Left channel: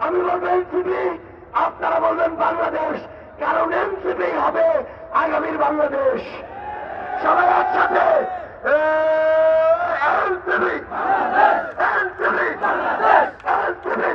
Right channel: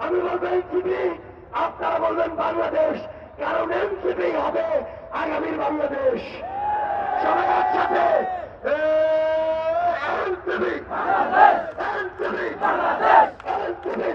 আমি বলব এনসিপি আপনারা বলবেন বাংলাদেশ কারণ এনসিপি হবে আগামীর বাংলাদেশ সবাই একসাথে এনসিপি এনসিপি এনসিপি এনসিপি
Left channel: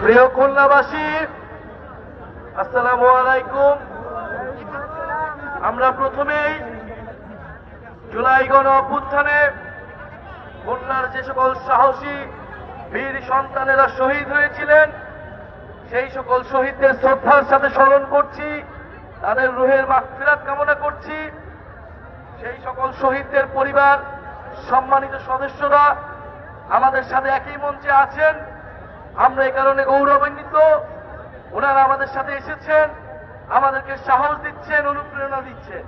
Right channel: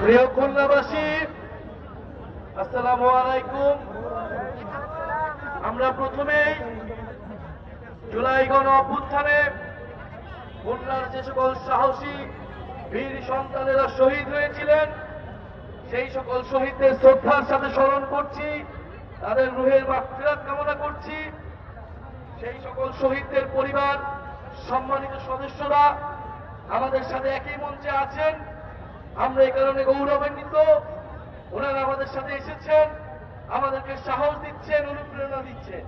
প্রিয় খুলনাবাসী, আসসালামু আলাইকুম। আমরা প্রথমেই জুলাই গণ অভ্যুত্থানে খুলনার যে সকল সাহসী বীর সন্তানেরা শহীদ হয়েছিলেন, সেই সকল শহীদদের শ্রদ্ধার সাথে স্মরণ করছি। তাদের রুহের মাগফিরাত কামনা করছি। সেই সকল শহীদদের পরিবার, সম্মানিত সদস্যরা, আমাদের সাথে একই মঞ্চে আছেন। আমরা এই কারণে গৌরবান্বিত। ওনারা আমাদের সাথে এসেছেন, আমাদেরকে সাহস দিচ্ছেন, অনুপ্রেরণা দিচ্ছেন।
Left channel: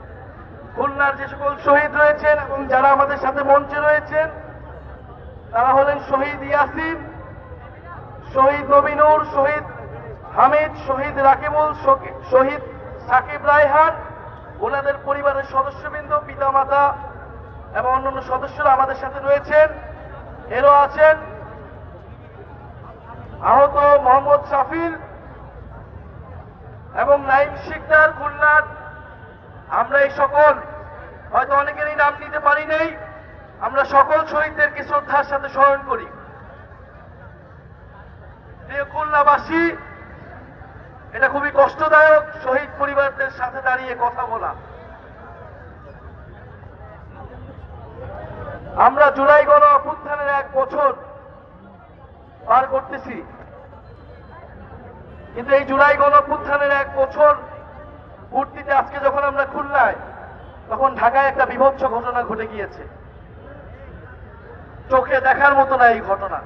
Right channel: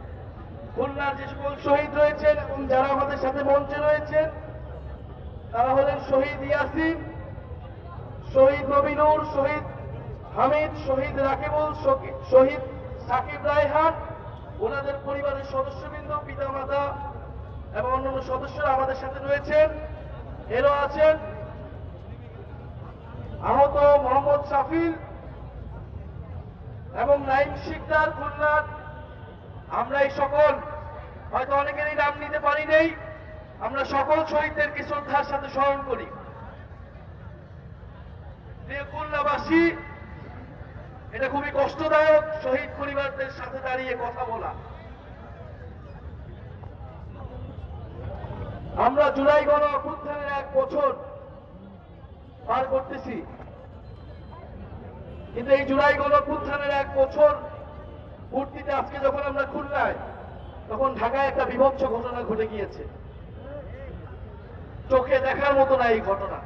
খুলনার যে সকল শহীদ রয়েছেন এবং যারা আমাদের সাথে মঞ্চে রয়েছেন, তারা হলেন শহীদ ইয়াসিন, শহীদ নবীনুর শহীদ হামিদ, শহীদ রাকিবুল, শহীদ সাকিব রায়হান, ওনাদের পরিবারের সদস্যবৃন্দ, পিতামাতা এবং অন্যান্য সদস্যরা আমাদের সাথে রয়েছেন। এরও আছেন আহত মোহাম্মদ সাফিল এবং নাইম শিকদার খুলনার আমরা এই সকল, হয়তো অনেকেরই নাম নিতে পারি নেই, আমরা সকল শহীদদেরকে শ্রদ্ধার সাথে স্মরণ করি। খুলনাবাসী, এটা খুবই কষ্টদায়ক শহীদ পরিবারদের সাথে দাঁড়িয়ে কথা বলা। আমরা জুলাই গণ অভ্যুত্থানের এক বছর পার করতেছি। কিন্তু এই জুলাই গণ অভ্যুত্থানের এক বছর পূর্তিতে আজকে যখন আমরা খুলনায়, তখন ঢাকায় একটা বিভৎস ঘটনা ঘটে গিয়েছে। চোখে দেখার মতো না এই ঘটনা।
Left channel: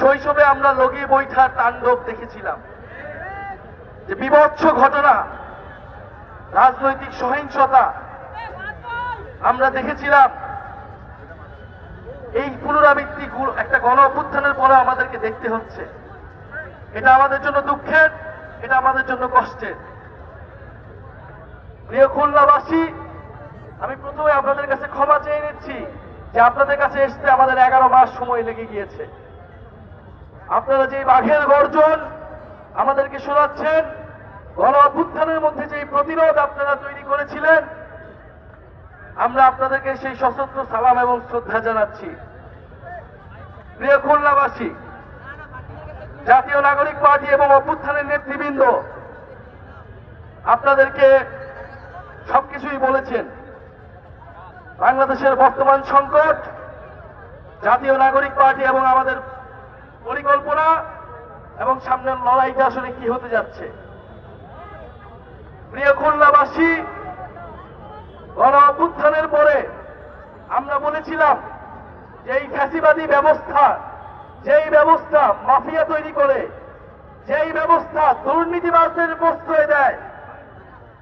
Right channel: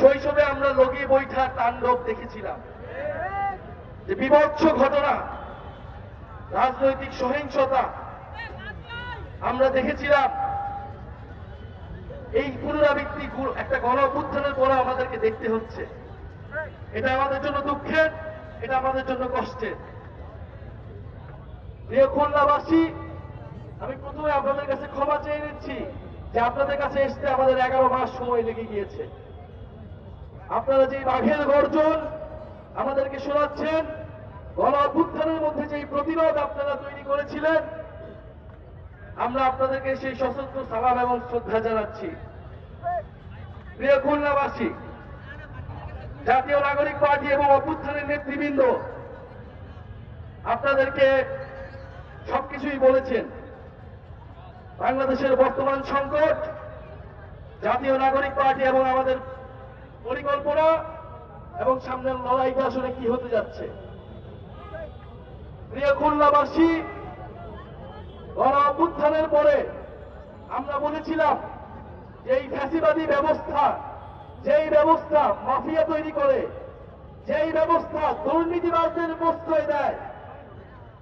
শৈশবে আমরা লগি বৈঠার তাণ্ডব দেখেছিলাম। যে বিভৎস ঘটনা, রাজনৈতিক সহিংসতা, আমরা দেখেছিলাম, এই পুনরাবৃত্তি একটা গণ অভ্যুত্থানের পরে আমাদেরকে দেখতে হচ্ছে। এটা আমাদের জন্য দুঃখের, এটা আমাদের জন্য কষ্টের। প্রিয় খুলনাবাসী, আমি প্রথমে আপনাদের কাছে ক্ষমা চেয়ে নিচ্ছি যে আপনাদের কাছে আসতে আমাদের এগারো মাস সময় লেগে গিয়েছে। আপনারা যে বাঘের গর্জন আমাদেরকে শোনাচ্ছেন গণ অভ্যুত্থানের মধ্যে যে প্রতিরোধ আপনারা তৈরি করেছিলেন, আমরা আপনাদেরকে সেই সশস্ত্র সালাম এবং শ্রদ্ধা জানাচ্ছি। প্রিয় খুলনাবাসী, জাতীয় নাগরিক পার্টি এবং অভ্যুত্থানের নেতৃবৃন্দ, আপনাদেরকে সবকিছুই বলেছেন। বাংলাদেশের বর্তমান সংকট, জাতীয় নাগরিক পার্টি এবং আমাদের পরিকল্পনা এবং সামনের লড়াইটা আসলে কি হতে যাচ্ছে? প্রিয় খুলনাবাসী গণ পরে আমরা বলেছিলাম যে এই ফ্যাসিবাদী ব্যবস্থা, যেই ব্যবস্থা মাফিয়া তৈরি করে, যেই ব্যবস্থা দুর্নীতিবাদদের প্রশ্রয় দেয়,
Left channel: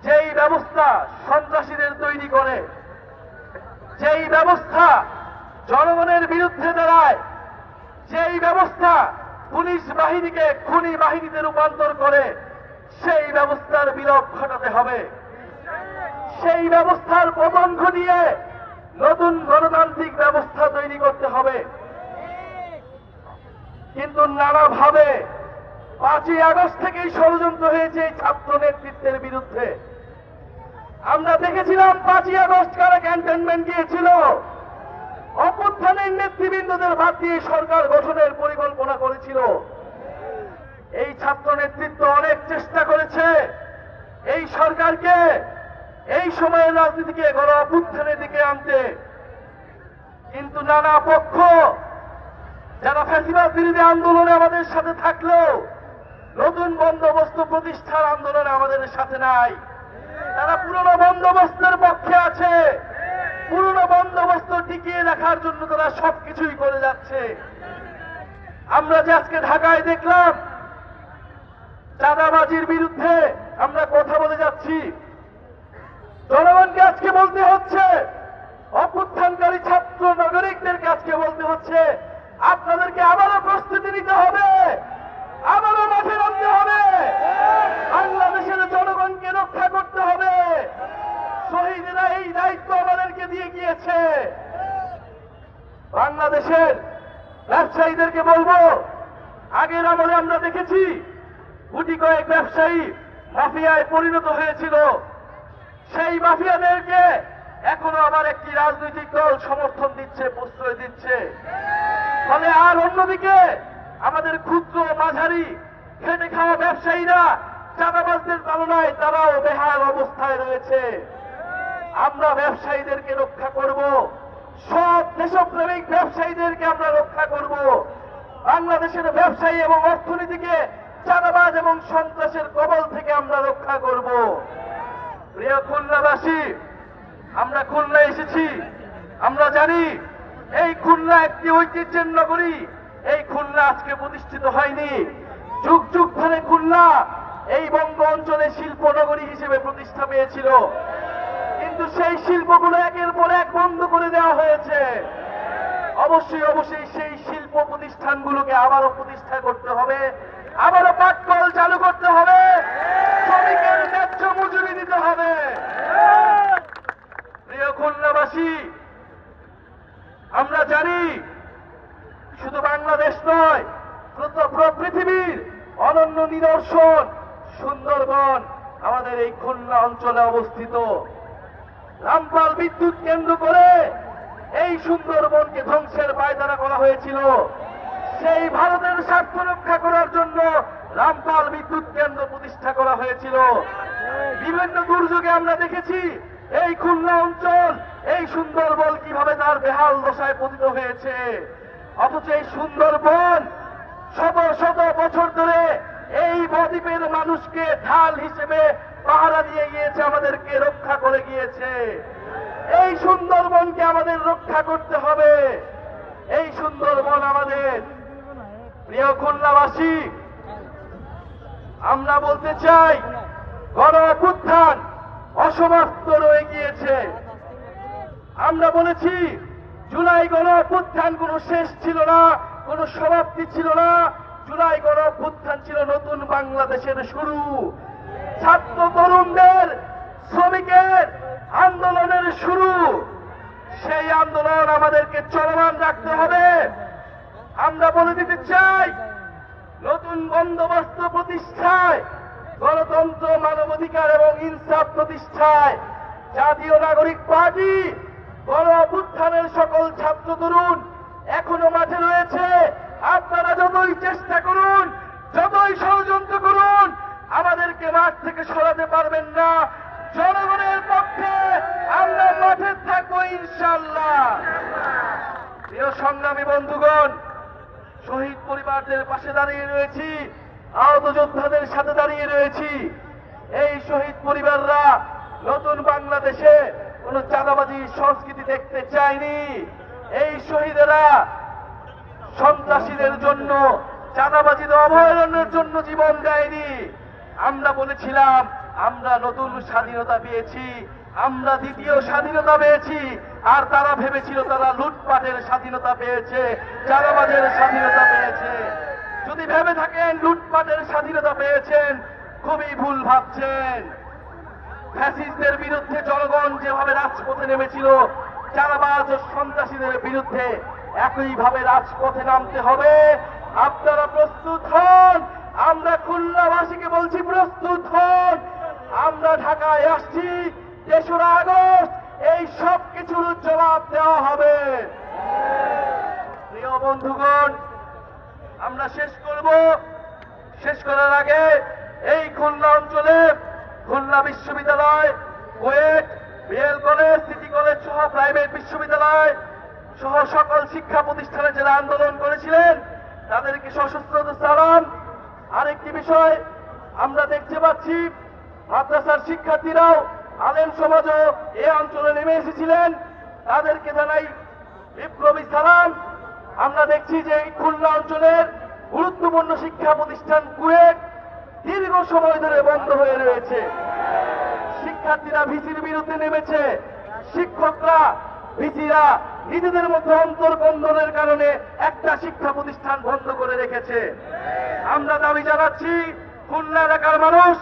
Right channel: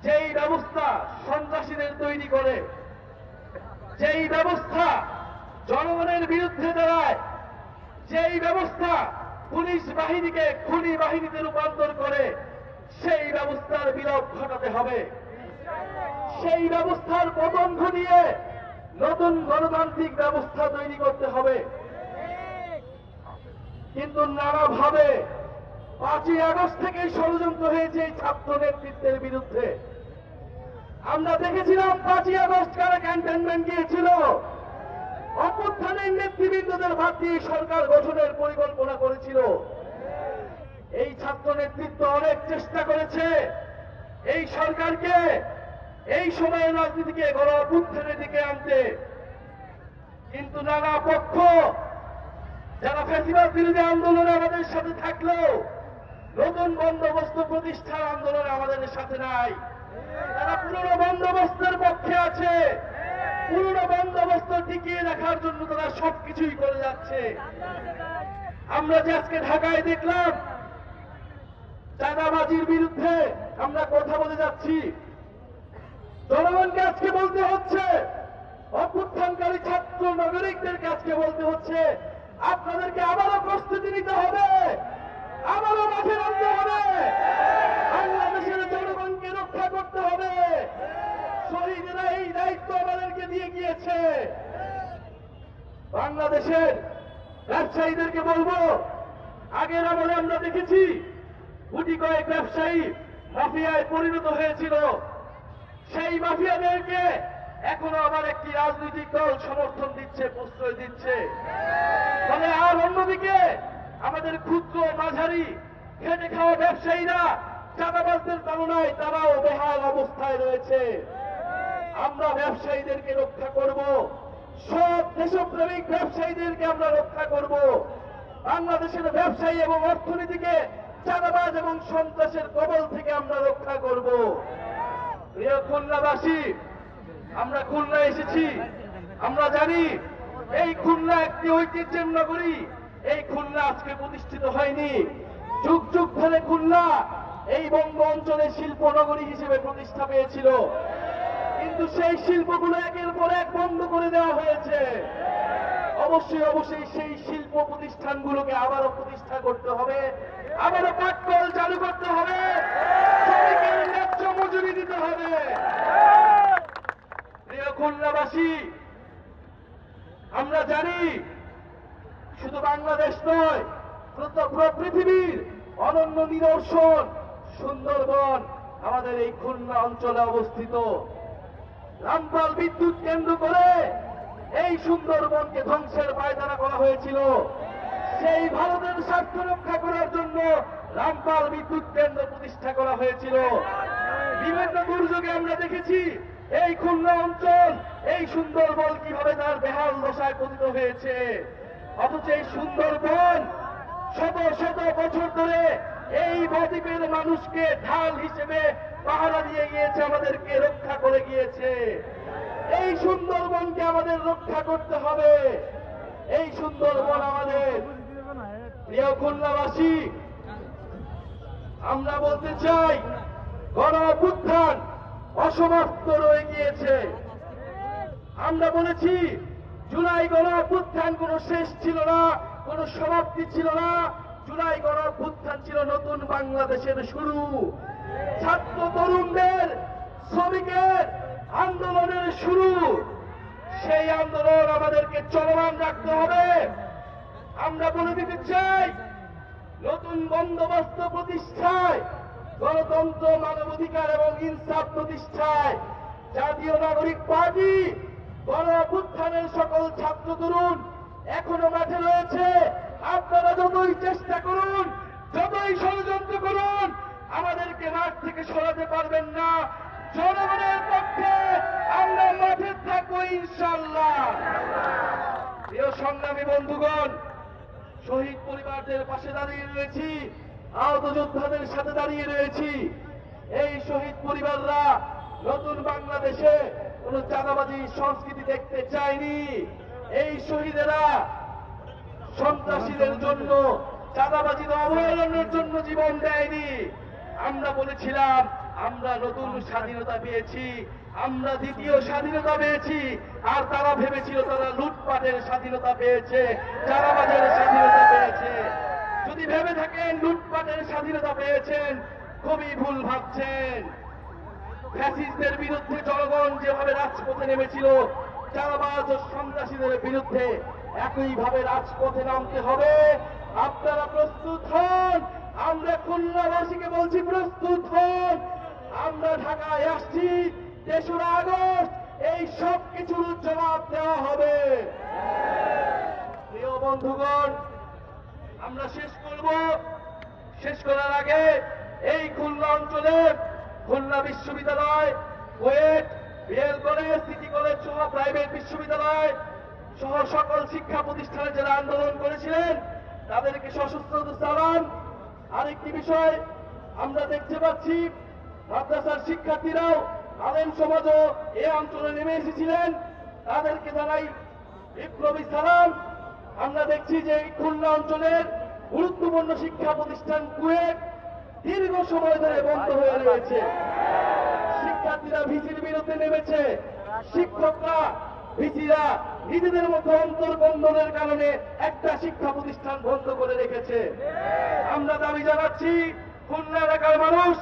যেই ব্যবস্থা সন্ত্রাসীদের তৈরি করে, যেই ব্যবস্থা জনগণের বিরুদ্ধে দাঁড়ায়, যেই ব্যবস্থা পুলিশ বাহিনীকে খুনি বাহিনীতে রূপান্তর করে সেই ব্যবস্থার বিলোপ ঘটাতে হবে। সেই ব্যবস্থার পতন ঘটিয়ে নতুন গণতান্ত্রিক ব্যবস্থা তৈরি করতে হবে। কিন্তু নানাভাবে পাঁচই আগস্ট থেকেই ষড়যন্ত্র হয়েছে এই ছাত্র নেতৃত্বের বিরুদ্ধে। আমরা দেখেছিলাম পাঁচই আগস্ট কারা ক্যান্টনমেন্ট গিয়েছিল? নেতৃবৃন্দদের বাদ দিয়ে সরকার গঠনের পরিকল্পনা করেছিল। এই ছাত্র নেতৃত্ব অনেক চেষ্টা করেছে। এই সরকারকে এই সময়ের রাজনীতিকে গণ অভ্যুত্থানের দিকে আনতে। কিন্তু নানা পক্ষ, যারা ফ্যাসিবাদ বিরোধী আন্দোলনে আমাদের সাথে থাকলেও নতুন বন্দোবস্ত প্রতিষ্ঠার আন্দোলনে আমাদের সাথে নাই। তারা পুরনো বন্দোবস্তের পক্ষে আছে। পুরনো বন্দোবস্ত টিকিয়ে রাখার জন্য তারা সবকিছুই করে যাচ্ছে। আমরা যে আজকে ঢাকায় দেখলাম, চাঁদাবাজির বিরুদ্ধে আমরা কথা বলে যাচ্ছি। জনগণকে আজকে বলতে হচ্ছে, অভ্যুত্থানকারী ছাত্র নাগরিকদেরকে আজকে বলতে হচ্ছে, আপনাদেরকে আবারও প্রস্তুতি নিতে হবে, আবারও মাঠে নামতে হবে, বাংলাদেশের জনগণকে রক্ষা করতে হবে। শহীদেরা এই দায়িত্ব আমাদেরকে দিয়ে গিয়েছে বাংলাদেশের ব্যবসায়ীদেরকে বলব, আগের আমলে আমরা দেখেছি, গুটি কয়েক ব্যবসায়ী মাফিয়ায় পরিণত হয়েছিল। সেই মাফিয়াদেরকে এখনও আবার একটি রাজনৈতিক দল সমর্থন দিচ্ছে, প্রশ্রয় দিচ্ছে। ফলে আর অন্যদিকে আমাদের ক্ষুদ্র মাঝারি খেটে খাওয়া ব্যবসায়ীরা চাঁদাবাজদের তুলনায় তারাও বেহাল অবস্থায় রয়েছে। আমরা ব্যবসায়ীদেরকে রক্ষা করব। সব দেশপ্রেমিক ব্যবসায়ীদেরকে আমরা রক্ষা করব। বাংলাদেশের ব্যবসায়ী এবং অর্থনীতিকে চাঁদাবাজ এবং সন্ত্রাসের কবল থেকে আমরা রক্ষা করব। প্রিয় খুলনাবাসী, আমরা খুলনা এসেছি। আমরা জানি এই খুলনা একটি ঐতিহ্যের নগরী। এই খুলনা আজকে প্রতিষ্ঠিত হয়নি। যুগ যুগ ধরে খুলনা এই বঙ্গ অঞ্চলে শিল্প নগরী হিসেবে প্রতিষ্ঠা পেয়েছিল। কিন্তু সেই শিল্পগুলো একের পর এক বন্ধ করে দেওয়া হয়েছে। অবশ্যই অবশ্যই সেই শিল্প প্রতিষ্ঠানগুলোকে আবারও প্রতিষ্ঠা করতে হবে। আবারও পাটকল চালু করতে হবে। শ্রমিকের ন্যায্য মজুরি দিতে হবে। প্রিয় খুলনাবাসী, আমরা জানি শুধু বাংলাদেশ নয় পুরো পুরো পৃথিবীর অনন্য নিদর্শন সুন্দরবন আমাদের এই খুলনা অঞ্চলে অবস্থিত। রামপাল বিদ্যুৎ কেন্দ্র করে এই সুন্দরবনকে ধ্বংসের পায়তারা করা হয়েছিল। সেই ভারতের স্বার্থ রক্ষা করার জন্য রামপাল বিদ্যুৎ কেন্দ্র প্রতিষ্ঠা করা হয়েছিল। বিভিন্ন দুর্যোগে আমরা দেখেছি এই খুলনা অঞ্চল, এই সুন্দরবন কীভাবে তার বেহাল দশায় পতিত হয়েছে। অথচ এই সুন্দরবন শত শত বছর ধরে এই বদ্বীপের মানুষকে ঢাল হিসেবে পাহারা দিয়ে গিয়েছে, আমাদেরকে রক্ষা করে গিয়েছে। এই সুন্দরবনকে আমাদের রক্ষা করতে হবে। এই সুন্দরবন আমাদের। প্রিয় খুলনাবাসী, আমরা বলতে চাই গণ অভ্যুত্থান অসমাপ্ত রয়ে গিয়েছে। আমরা বলেছি, জুলাই গণ অভ্যুত্থান কোনো শেষ ছিল না, কোনো সমাপ্তি ছিল না। জুলাই গণ অভ্যুত্থান ছিল নতুন বাংলাদেশের শুরু। ছাত্র তরুণদের, শ্রমিকের আন্দোলনের শুরু। সেই আন্দোলন আমাদেরকে চলমান রাখতে হবে। আমরা বলে দিতে চাই, নতুন বন্দোবস্ত প্রতিষ্ঠায়, গণতন্ত্র, মানবাধিকার এবং ইনসাফ প্রতিষ্ঠায় জাতীয় নাগরিক পার্টি গণ অভ্যুত্থানের সকল ছাত্র তরুণ এখনও মাঠে রয়েছে। আপনারা যতই চেষ্টা করুন, যতই ষড়যন্ত্র আমাদেরকে মাঠ থেকে সরাতে পারবেন না। জনগণের পক্ষে আমরা মাঠে থাকব ইনশাল্লাহ প্রিয় সংগ্রামী বন্ধুগণ, শহীদ পরিবারদের পাশে দাঁড়িয়ে রয়েছি, আহত যোদ্ধাদের সাথে দাঁড়িয়ে রয়েছি। এই শহীদ পরিবাররা নতুন বাংলাদেশে কোন চাঁদাবাজি সংস্কৃতি দেখতে চায়নি। এই শহীদেরা সন্ত্রাসীদের জন্য, চাঁদাবাজির অভয়ারণ্যের জন্য জীবন দেয়নি। আমরা বলেছিলাম, আমরা নতুন স্বাধীনতা পেয়েছি, আমরা দ্বিতীয় স্বাধীনতা পেয়েছি, আর তারা ভেবেছিল তারা লুটপাটের স্বাধীনতা পেয়েছে, চাঁদাবাজের স্বাধীনতা পেয়েছে। যদি ভেবে থাকেন, লুটপাটের স্বাধীনতা পেয়েছেন, খুবই ভুল ভাবছেন। ফ্যাসিস্টদের বিরুদ্ধে জনগণ যেভাবে রাজপথে নেমেছিল চারাবাজ ও সন্ত্রাসীদের বিরুদ্ধে একইভাবে রাজপথে নামতে হবে। আপনারা প্রস্তুত হন আমরা খুলনাবাসীকে বলছি, প্রস্তুত হন। আমরা ঢাকায় আসছি, তেসরা আগস্ট, এই সব কিছুর জবাব দেওয়া হবে। প্রিয় বন্ধুগণ, আমরা শেষ করব। শেষ করার আগে এই খুলনা অঞ্চলে, খুলনা বিশ্ববিদ্যালয়, KUET BL college, city college সহ প্রাইভেট বিশ্ববিদ্যালয় সহ সকল শিক্ষা প্রতিষ্ঠানে যারা আন্দোলন করেছিলেন, তাদেরকে সশস্ত্র সালাম। আরেকটি বিষয় আমরা দেখতে পাচ্ছি, মাদ্রাসার শিক্ষার্থীরাও আলেম সমাজও এ অঞ্চলে নেমে এসেছিলেন। তাদেরকে জানাই বিপ্লবী সালাম। আমরা দেখছি যে এই খুলনা অঞ্চলের গুরুত্বপূর্ণ শিক্ষা প্রতিষ্ঠান কুয়েট দীর্ঘ সময় ধরে বন্ধ হয়ে রয়েছে। শিক্ষার্থীরা ভিসির বিরুদ্ধে নেমেছে। শিক্ষকরা ভিসিরা নিজেদের মধ্যে অন্তর্বন্ধনের কারণে একটা শিক্ষা প্রতিষ্ঠান বন্ধ করে রেখেছে। আমরা দাবি জানাচ্ছি, খুলনা এলাকার মানুষ,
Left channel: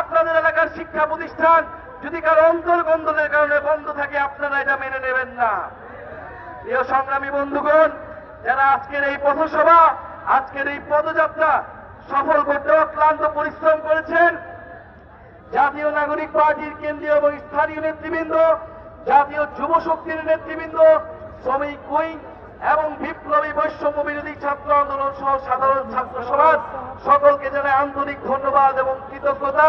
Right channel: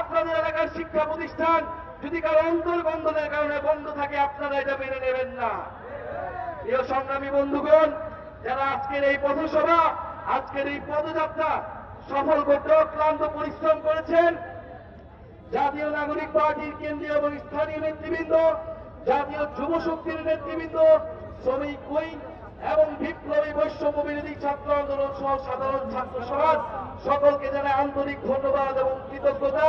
আপনাদের এলাকার শিক্ষা প্রতিষ্ঠান যদি কারও অন্তর্বন্ধনের কারণে বন্ধ থাকে, আপনারা এটা মেনে নেবেন না। প্রিয় সংগ্রামী বন্ধুগণ, যারা আজকের এই পথসভা, আজকের এই পদযাত্রা সফল করতে অক্লান্ত পরিশ্রম করেছেন, জাতীয় নাগরিক পার্টির কেন্দ্রীয় এবং স্থানীয় নেতৃবৃন্দ জাতীয় যুব শক্তির নেতৃবৃন্দ, শ্রমিক উইং এবং বিপ্লবী বৈষম্য বিরোধী ছাত্র আন্দোলন সহ সাধারণ ছাত্র সমাজ সকলকে জানাই আন্তরিক ধন্যবাদ এবং কৃতজ্ঞতা।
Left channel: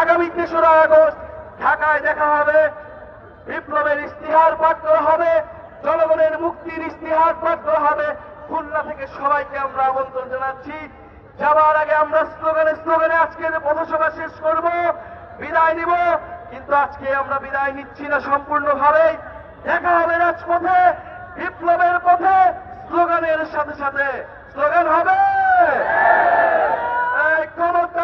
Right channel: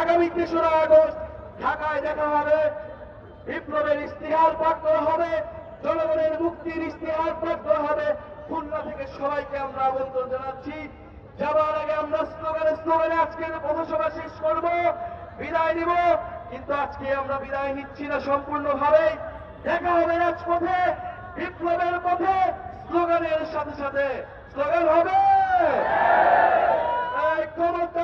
আগামী তেসরা আগস্ট ঢাকায় দেখা হবে। বিপ্লবের ইস্তিহার পাঠ করা হবে। জনগণের মুক্তির ইস্তিহার পাঠ করা হবে। খুলনা থেকে সবাইকে আমরা আমন্ত্রণ জানাচ্ছি। যাবার আগে আমরা স্লোগানে স্লোগানে আজকের পথসভা শেষ করব। বিদায় নিব। কিন্তু আজকে আমরা বিদায় নিচ্ছি না সম্পূর্ণভাবে। দেখা হবে রাজপথে, বিপ্লবের পথে, স্লোগানের সাথে সাথে। স্লোগান হবে ক্ষমতা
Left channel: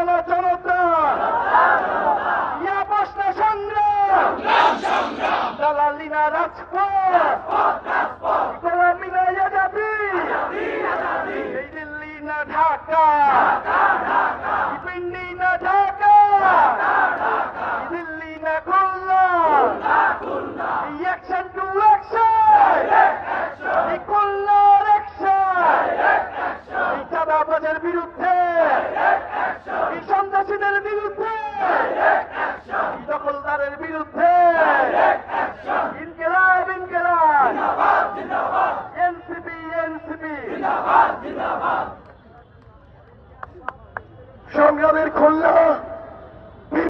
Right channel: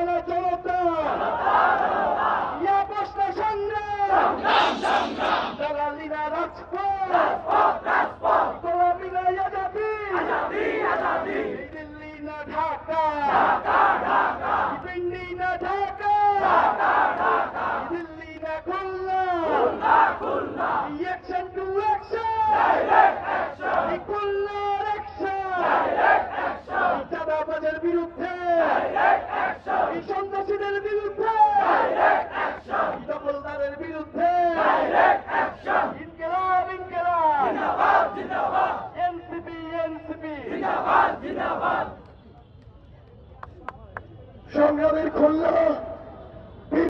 Hare